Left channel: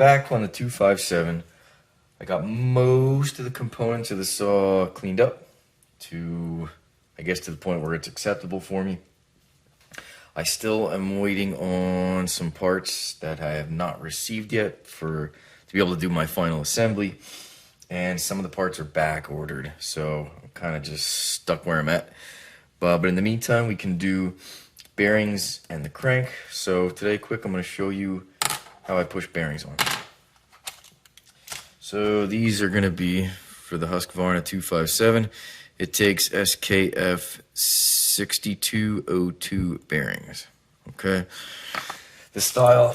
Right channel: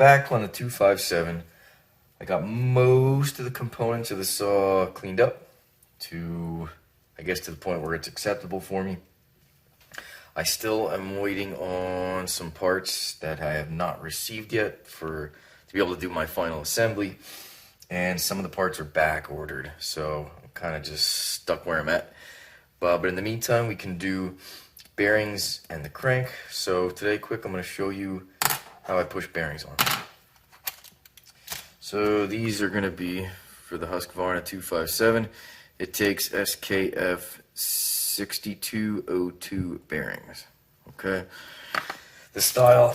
back on the 257. I got most of the components of the saw cleaned up to, I guess, to the point where it's acceptable for me. I still am waiting on some parts that I have not received yet to be able to do my final assembly. And some of the parts are back ordered, so I'm kind of just stuck where I'm at. But in the meantime, we can do bearings and the crank. So today, quick, I'm going to show you how I push bearings on. So these are going to be for the Husqvarna 257. It takes SKF 6202 bearings. Okay, the style,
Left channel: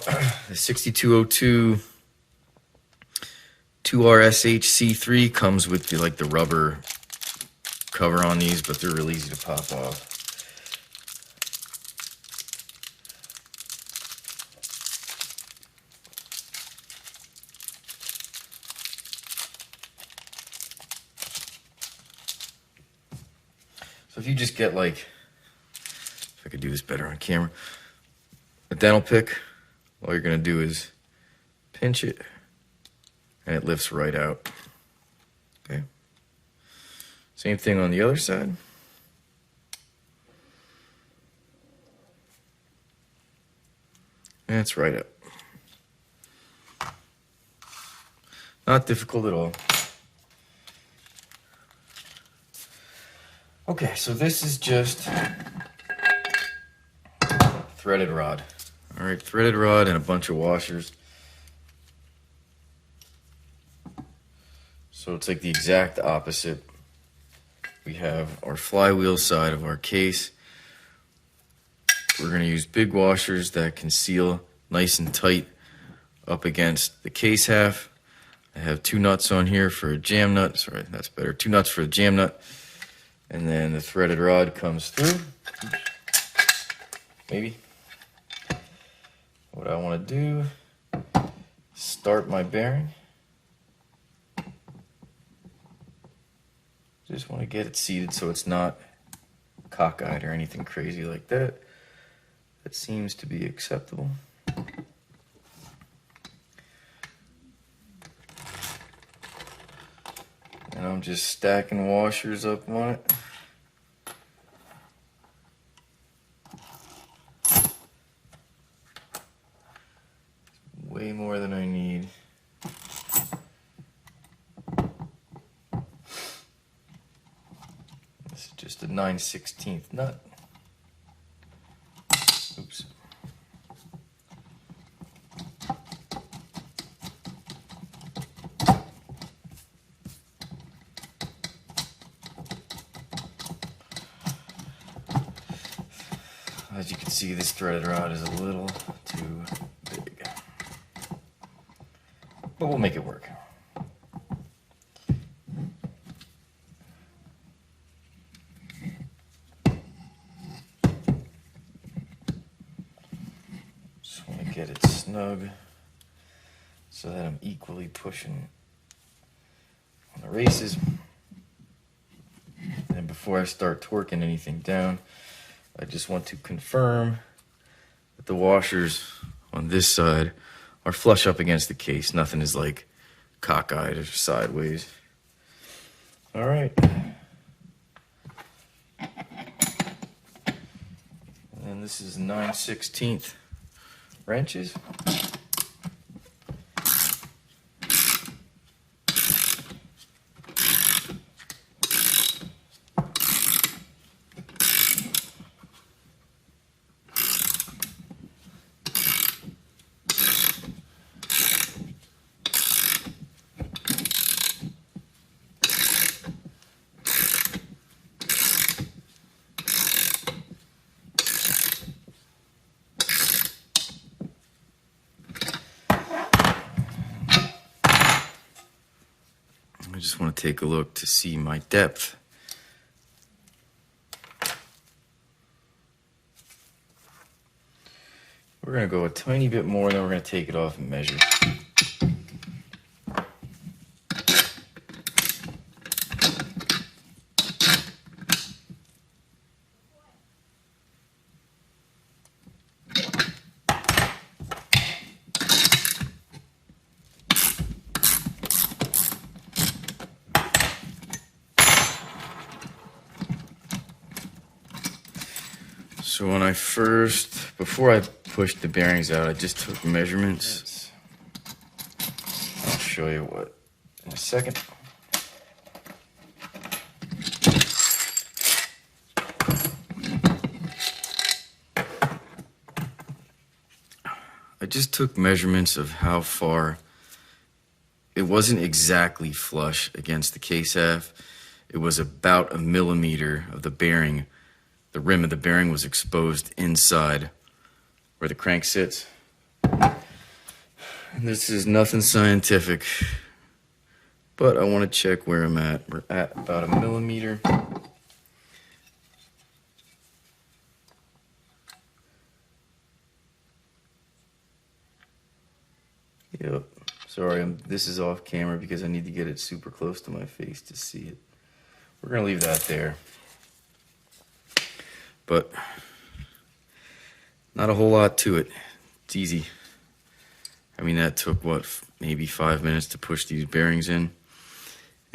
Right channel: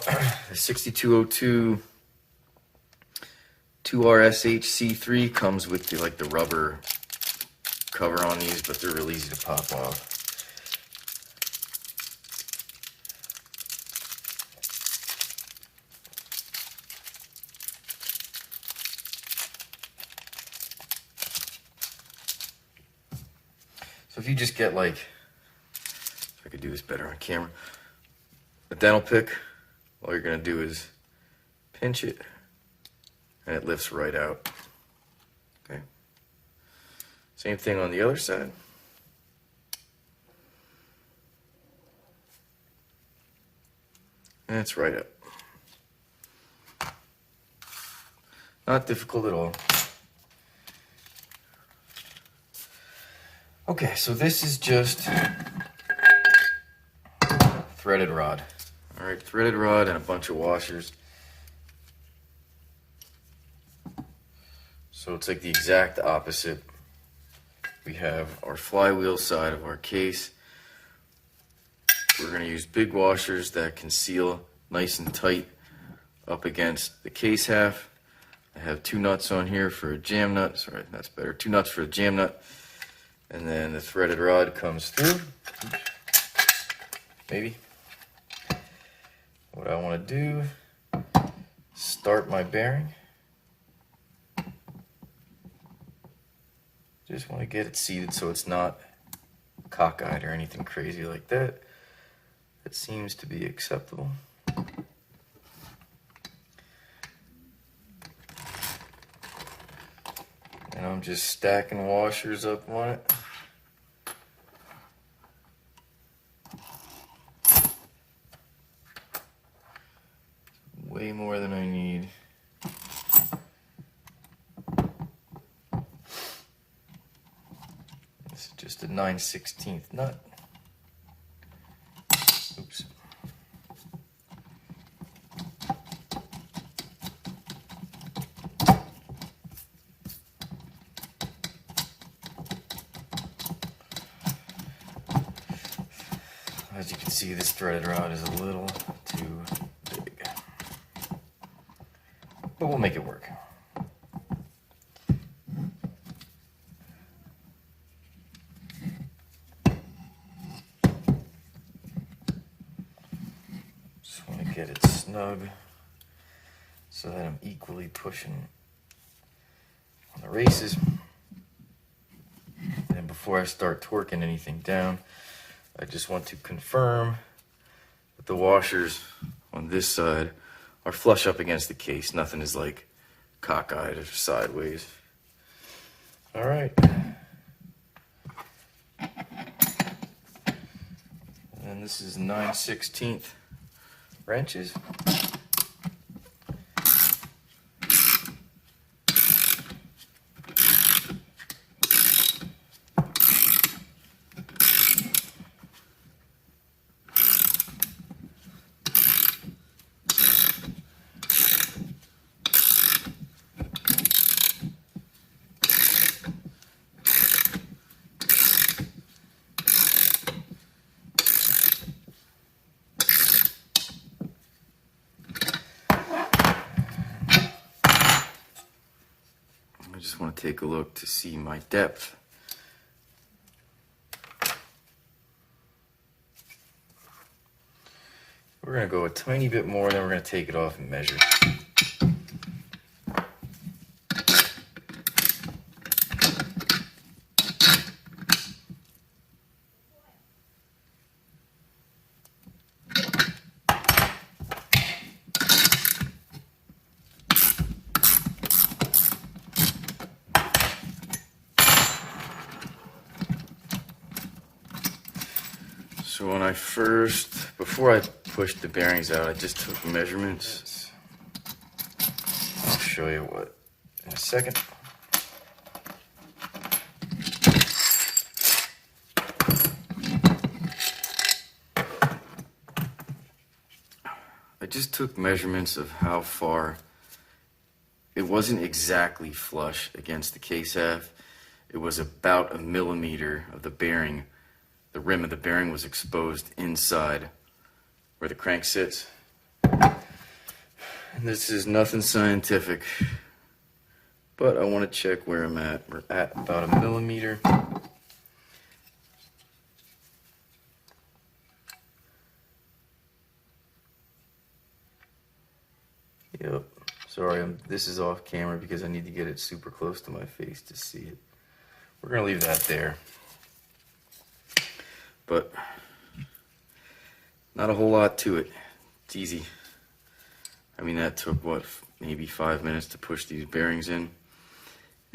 the 6202 2RSHC3 comes with the rubber cover on these, but they're really easy to pop off. So if you just get if I could do this better on camera, a dental pick, all you're gonna do is pinch it and it lifts right out. Okay. Same thing on the other side. And it's right up. Not difficult at all. Okay, so this is just threaded rod. All right, threaded rod and a bunch of washers. So it's like the exact opposite. We have our flywheel side of our case. We're going to use big washers that can seal nice and tight up against the case half. I have 2 nuts on here for a jam nut. Sorry, that's better. 2 nuts for a jam nut. And then the threaded rod comes through. Oops. Maybe. What I want to do, start my bearing. Just want to get it seated so it's not cockeyed or anything crazy like that. That seems to be acceptable. And I'm just stacking washers up on it. Way more than I need. This is just a 9/16 nut. Oops. As you can see, this threaded rod is a little too big, but we'll make it work. Just want to get it snug so that I'm equally pushing on the races. And before I start torquing anything down, I just want to confirm that the washers on this side are flush up against the case. Nothing is cockeyed or sideways. All right. And this is 9/16 wrenches. I just want to take a look to see my depth. We're going to go a tiny bit more, then we're going to take it off and measure. So when I before I pushed the bearings out, I just took measurements. I'll show you what in a second. I just took measurements of how far. It wasn't exactly flush against the case half. It was about 1 millimeter of the bearing. The rim of the bearing was exposed inside where the crank sits. And this is nothing scientific, but I want to check where I'm at. We're at about 1 millimeter. Yep. Sorry, this is off camera because I need to get it super close to my face to see it. We're going to leave that there. But not a whole lot to it. It's easy. I mean, that took, what, maybe 5 minutes to push these bearings in.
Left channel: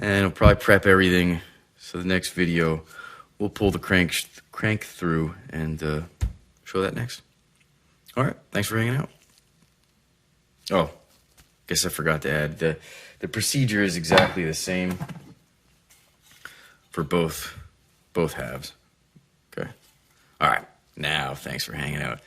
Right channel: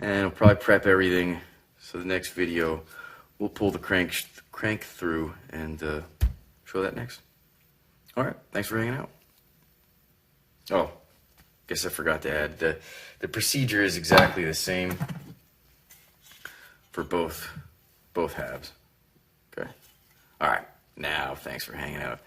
And I'll probably prep everything. So the next video, we'll pull the crank through and show that next. All right, thanks for hanging out. Oh. Guess I forgot to add the procedure is exactly the same for both halves. Okay. All right. Now, thanks for hanging out.